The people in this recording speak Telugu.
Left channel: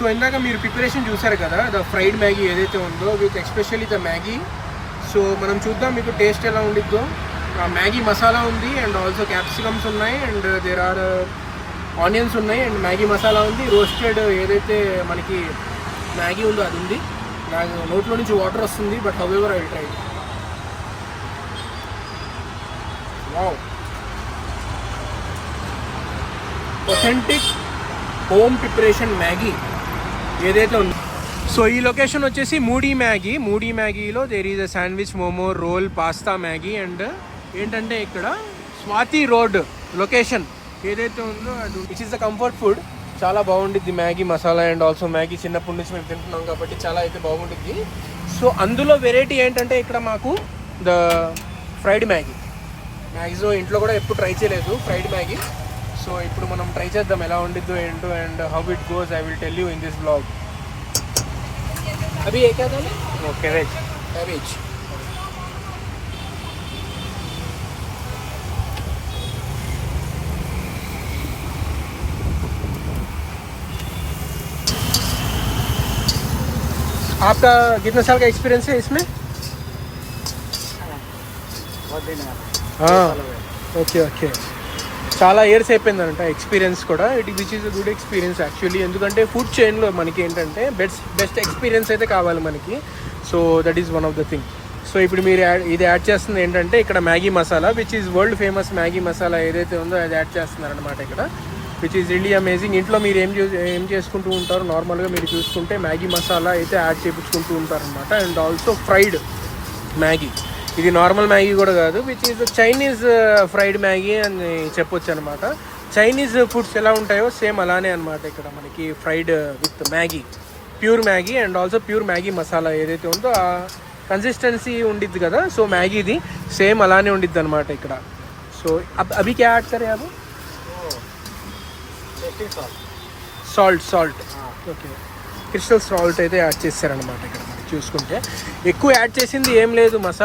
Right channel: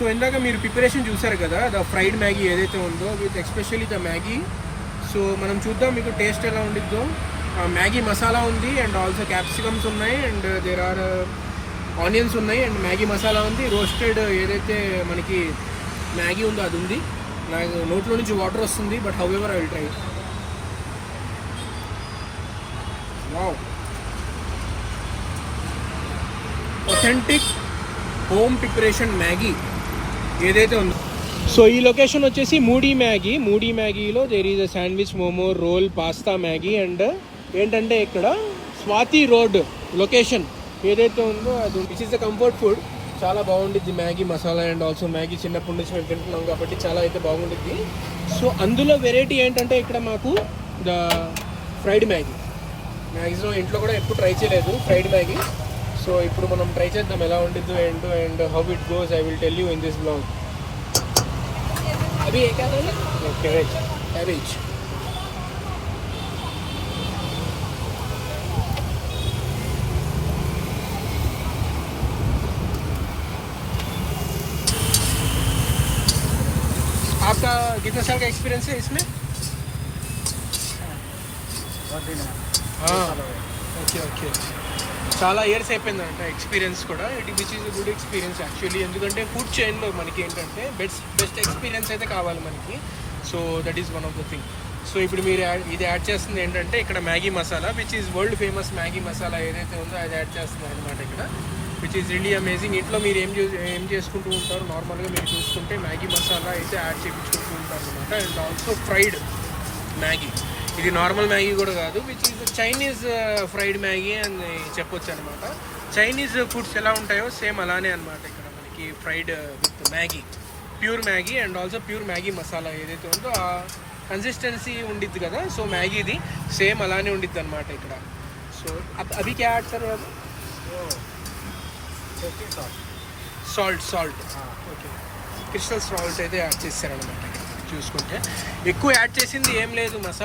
సో ఇందాక మీరు ప్రిపరేషన్ చూసారు కదా, ద ఫ్రైడ్ మ్యాగీ ఏదైతే ఉందో with especially the Maggi. So మనం చూద్దాం మీకు టేస్ట్ ఎలా ఉండిద్దో. మ్యాగీ మసాలా ఉంది అండ్ ఆల్సో క్యాప్సికమ్స్ ఉన్నాయి అండ్ దేర్ ఆర్ ఆనియన్స్ ఉన్నాయి అండ్ మ్యాగీ మసాలా ఉంది. రోస్టెడ్ ఏదైతే మనకి మ్యాగీ ఉందో అది ఉంది. నాకు నోట్లో నుంచి వాటర్ వస్తుంది, but however I will try. Wow, authentic home preparation Maggi ఏదైతే ఉందో. సో ఈ లొకేషన్ వచ్చేసి మూడీ మ్యాగీలో there is a sandwich, momo, roll, pasta, Maggi. And ఏంటంటే ఇక్కడ స్వాతి రోడ్ లొకేషన్ ఏదైతే ఉందో అది which is the comfort food. చాలా బాగుండిద్ది Maggi masala and also Maggi చిన్నప్పటి నుంచి మేము తింటున్నాం కాబట్టి చాలా అయితే బాగుండిద్ది. సో అందులో వెరైటీ ఏంటంటే ఇక్కడ మాకు ద ఫ్రైడ్ మ్యాగీ. మ్యాక్సిమం ఇంట్లో కూడా ఎప్పుడు ట్రై చేయలేదు ఫ్రైడ్ మ్యాగీ. సో ఇప్పుడు మనం ట్రై చేద్దాం ఎలా ఉండిద్దో ఏంటో and how it goes I will tell you in this blog. అవి ఏ కాదు ఓకే వెజ్ వెజ్. आपका कितने साल का एक्सपीरियंस है इसमें? ఓకే ఓకే, చాలా ఇయర్స్ అయిపోయిందంట ఎక్స్పీరియన్స్ కూడా. Which is a good experience actually. ఎందుకంటే ఫుడ్ చైన్లో మనకి ఏంటంటే బెస్ట్ ఎక్స్పీరియన్స్ అయితే కావాలి మనకి. So that is one of the thing. So ఇప్పుడు మీరు ఇది యాడ్ చేస్తుంది ఏంటంటే ఇక్కడ Maggi masala which is world famous Maggi masala ఏదైతే ఉందో అది యాడ్ చేస్తున్నారు అనమాట ఇక్కడ, విచ్ ఈజ్ రియల్లీ అమేజింగ్. ఇంట్లో మీరు ఏం చేసుకుంటూ ఉంటారు నార్మల్గా మీరు చూసుకుంటే మ్యాగీ మసాలా అయితే యాడ్ చేయించుకుంటూ ఉంటారు అనమాట. అండ్ ఆల్సో ఫ్రైడ్ మ్యాగీ, ఇది నార్మల్ మ్యాగీ కూడా కాదు, which is Chinese fried Maggi అని చెప్పొచ్చు అనమాట. చైనీస్ ఫుడ్స్ ఎలా ఉంటాయో సేమ్ అలానే అనమాట ఇక్కడ మనకి fried with Maggi, pure Maggi and also pure Maggi masala ఏదైతే ఉందో ఆ కన్సిస్టెన్సీ ఉండిద్ది కదా. సో మ్యాగీది సేమ్ అలానే ఉండిద్ది అనమాట ఇక్కడ. సో అవి క్యా యాడ్ కరే అవి సాల్ట్ ఓకే, క్రిస్టల్ సాల్ట్ అయితే యాడ్ చేస్తారనమాట ఇక్కడ చూసుకుంటే. ఎక్కువ యాడ్ చేసింది ఏం లేదు, మసాలా